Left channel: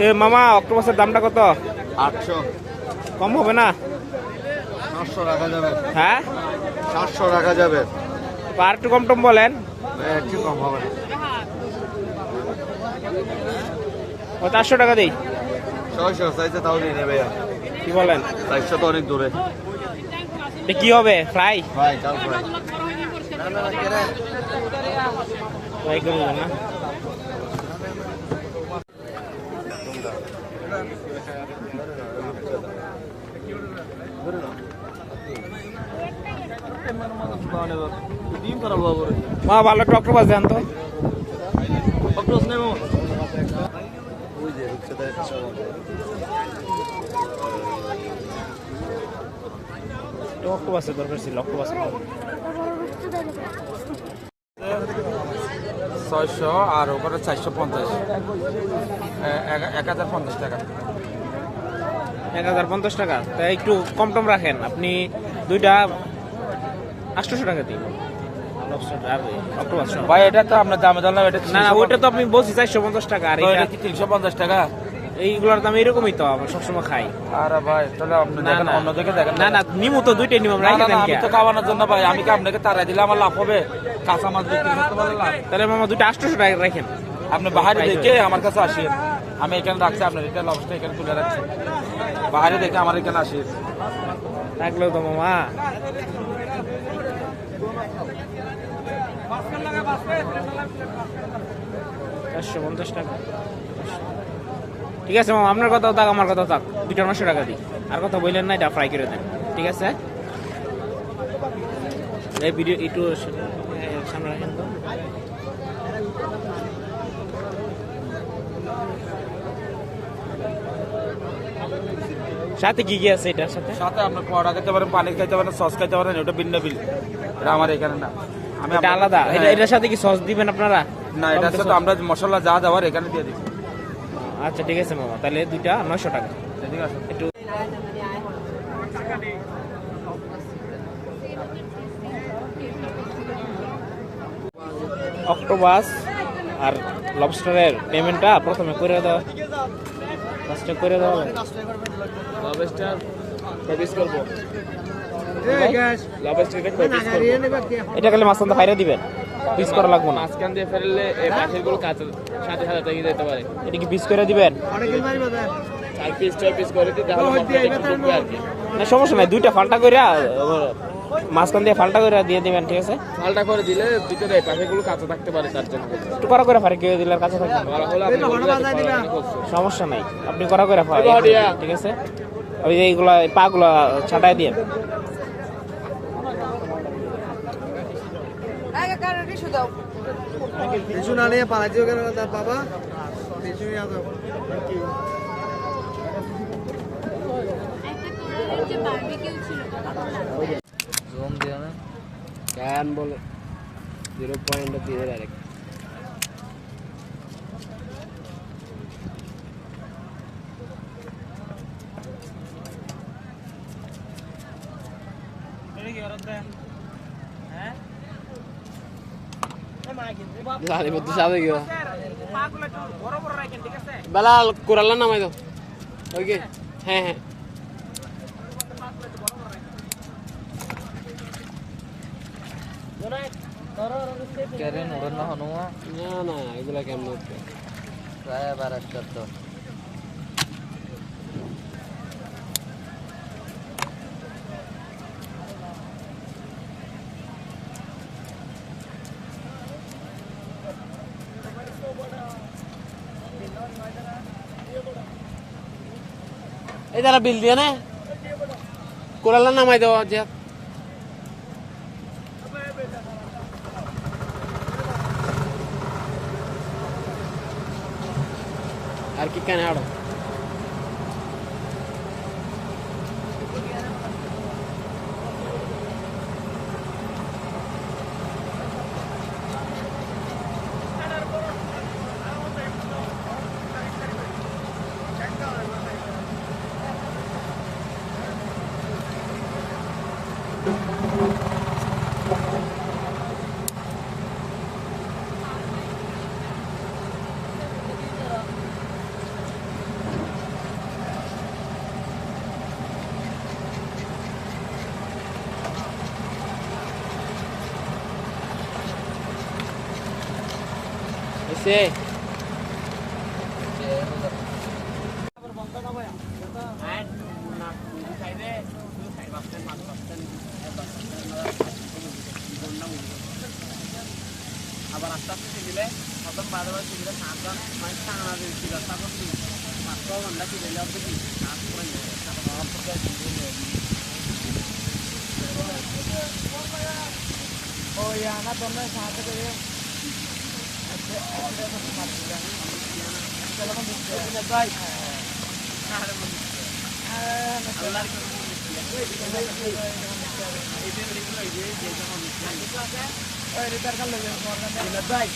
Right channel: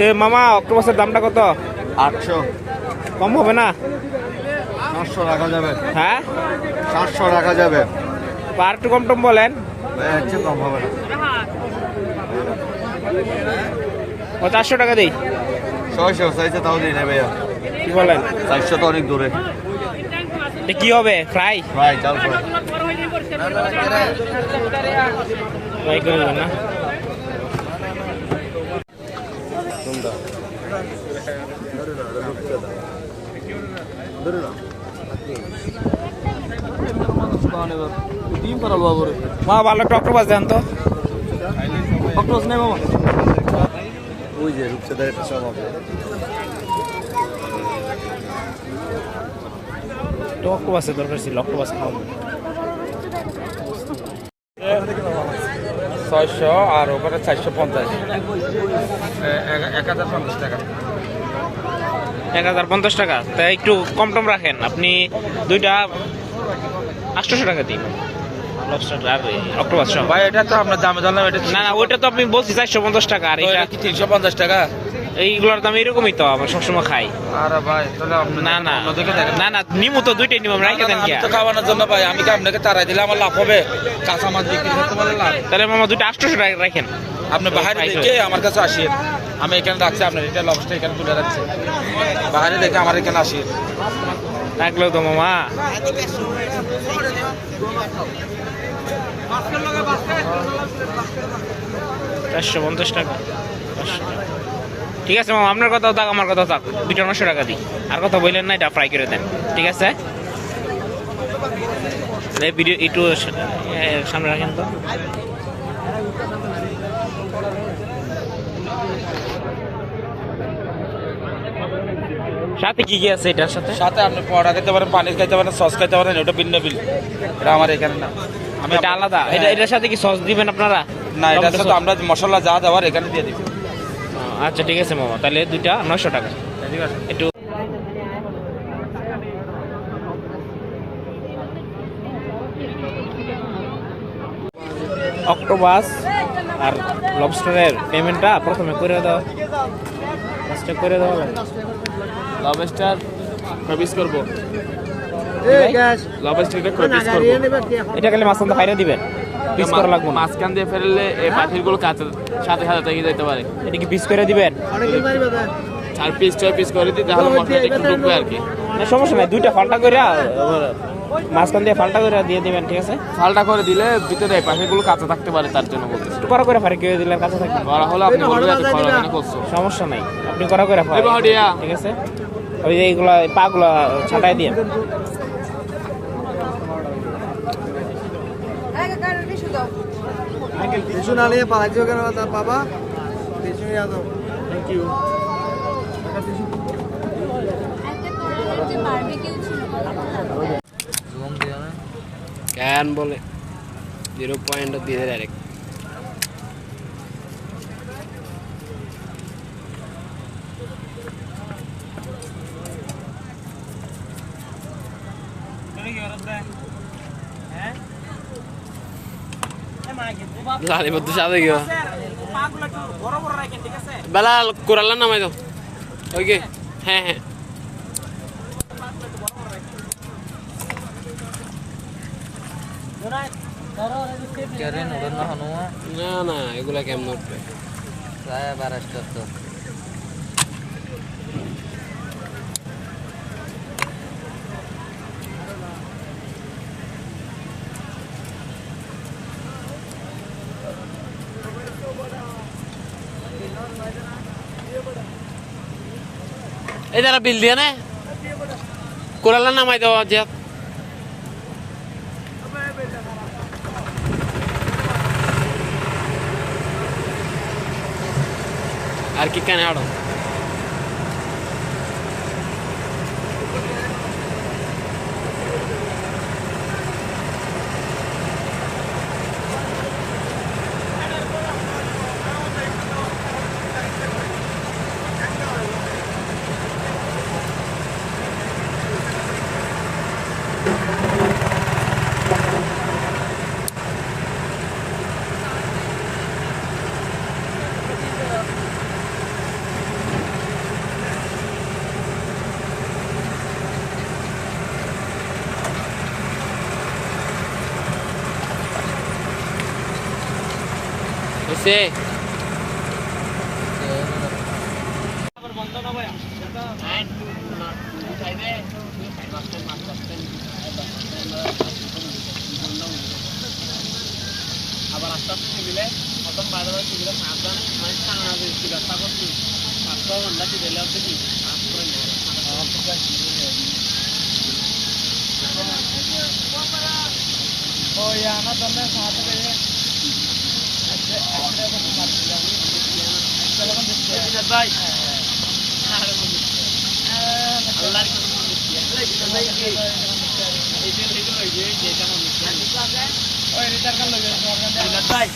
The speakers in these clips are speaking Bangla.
এ মামা অক্টোপাসের দামটা কত? আটশো। কম হবে না? সাতশো রাখা যাবে। হ্যাঁ? সাতশো রাখা যাবে। আর একটু কম টম বলেন। কম হবে না। ও চারশো টাকা দিই। ছয়শো চাইছে তাও দিয়ে নেবে কি বলেন? চারশো তো অনেক দূরে। কি হবে? ফ্রাই? প্রায় চাল প্রায় ফ্রাই করে দেবেন না ডিম করা বাবু রে মা, ভালো একটা অক্টোপাস দেন তো। অক্টোস নেই মামা ওই যে রূপসাদের একটা স্বভাব একটা অক্টোপাস আর ওপরে চারশো পঞ্চাশ। এক হাজার পঞ্চাশ টাকা। এক হাজার পঞ্চাশ টাকা। তা একটু কম টম রাখেন। আপনি দুইটা আটশোশো টাকা দিন। ভাই এটা তো আপনার দামে জানলাম এটা না না ওইটা তো আপনি বলছি চারশো পঞ্চাশ টাকা। আর এটা তিনশো পঞ্চাশ টাকা? এইগুলোর দাম এরকমই তো আমরা সবসময় খাই। আরে ভাই তাহলে না না। না না নিমু তো দুইটাই নিমু আমরা রেখে দেন আমি তো খাওয়ানোর জন্য ভাই আমি কি আপনাকে তারাই দিলে আমার লাভ হবে? কাঁচা মাছ বিক্রি করতে পারলে লাভ? তাহলে মামা দুইটা আটশোশো টাকা রাখেন। আপনি বাহারে দেখে আমার কাছে আসেন। আমি এখানে রাখছি আপনার এটা লবস্টার এখানে তুলে রাখছি। বাহারে দেখে আমার এখানে আসেন। রাখলেও তো মামা। চারশো পঞ্চাশ টাকা। পাঁচশো টাকা। ঠিক আছে মামা আপনার কথাও থাক আমার কথাও থাক। দুইটা নশো টাকা দিই। আর কথা বললেন না এটা ফ্রাই করে দেন। ঠিক আছে? ভিডিও একটু সামনে রাখেন তো। সাথে কি কি আছে এটার সাথে? সাথে আপনি পড়া খেতে পারেন পানি খাইতে পারেন সস খাইতে পারেন ওটা ভিন্ন বিল এটা আমার এখানে না। আমি এটা আলাদা। এটা এটার সাথে কি সস দিবেন আপনারা? না এটার সাথে আমরা মশলা যা দেওয়ার এখানে দিয়ে ও, আচ্ছা ঠিক আছে মামা। তাহলে দুইটা নয়শো টাকা। ঠিক আছে একটু অক্টোবাস আর লবস্টারের পেমেন্টটা প্রথমে করে দাও। ফার্স্টে করে দেওয়া লাগে। লবস্টার কবিস করব ভাই? লবস্টারকে কবিস করব এটা খালি মাঝখান দিয়ে ফাইরে দিবেন। পিস করা লাগবো না। মাঝখান দিয়ে ফেললে এই পাখিগুলো কাঁচা সাথে সাথে থেকে যেতে পারে। এটা কি পিস করে দিবেন? চার পিস ছয় পিস করে দিই তাহলে মাথায় একটু ঢুকবে আর কি। না সমস্যা নাই দুইটা ফাল্টা করে মাঝখান দিয়ে ফাল্টা করে দিয়ে দিবেন ঠিক আছে? ফালটা করে দিলে ভিতরে পাখিগুলো কাঁচা থাকতে পারে তার জন্য একটু করা করে ফারি করে দিলে আর কাছে থাকবেন করা হলো আপনি বলবেন যে ফলাফল করছ। সমস্যা নাই আপনি করা করে ফারি ঠিক আছে? ওই যে এইগুলা পাগুলা ছাটাই দিয়ে। কিছু না নিয়ে পালাইছো কেন তার বাবা? কিছু থ্যাংক ইউ ক্যান বলে জিরো পয়েন্ট দিয়ে ডাইরেক্ট লালি বদ্ধ সাদে গিয়া বেলা কোরাল্লা নামাই দাও ওকে হ্যাঁ হ্যাঁ না না এগুলা কেমন উঠবে? এই যারা বিল দিয়ে নে। কোরাল্লা নামাই দাও যে আর কি সে আবার আস্তে আস্তে দিলে প্রথম বাদে বাদে দিলে সাবধানে মানে টানা দিয়েছিল ব্যবস্থা করছি মাত্র ঘণ্টা দিলে অর্ধ কি কাজ করে ওই আনা তোমরা সাথে করে ওই রিটার কাল লগে তোমার ভাই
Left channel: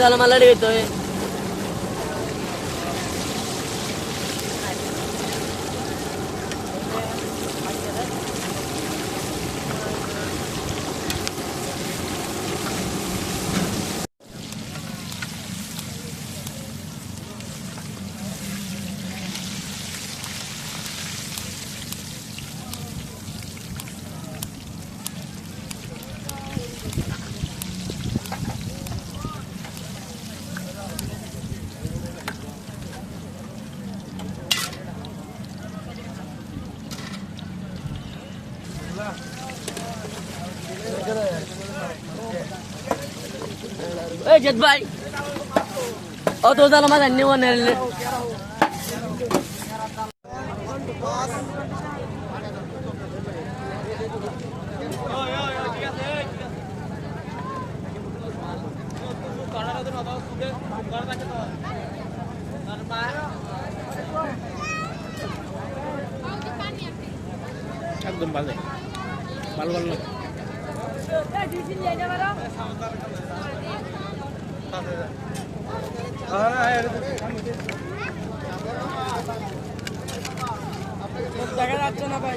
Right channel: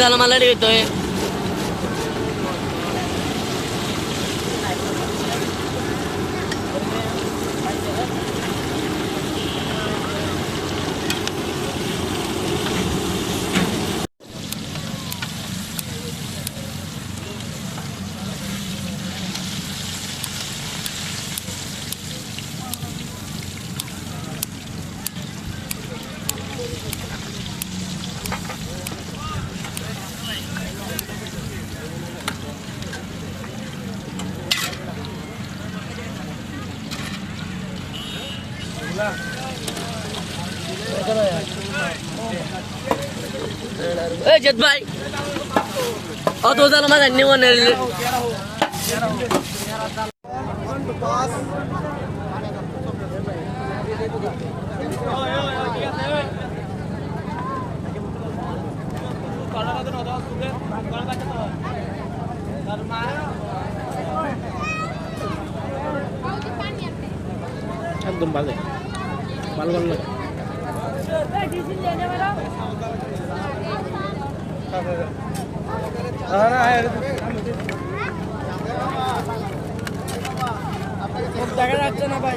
ও জানা মালা এ জেদ ভাই ও তো জানা মালা নিও নে একদম বাজে ভালো ভালো লাগে দেখা যাচ্ছে না ভাই।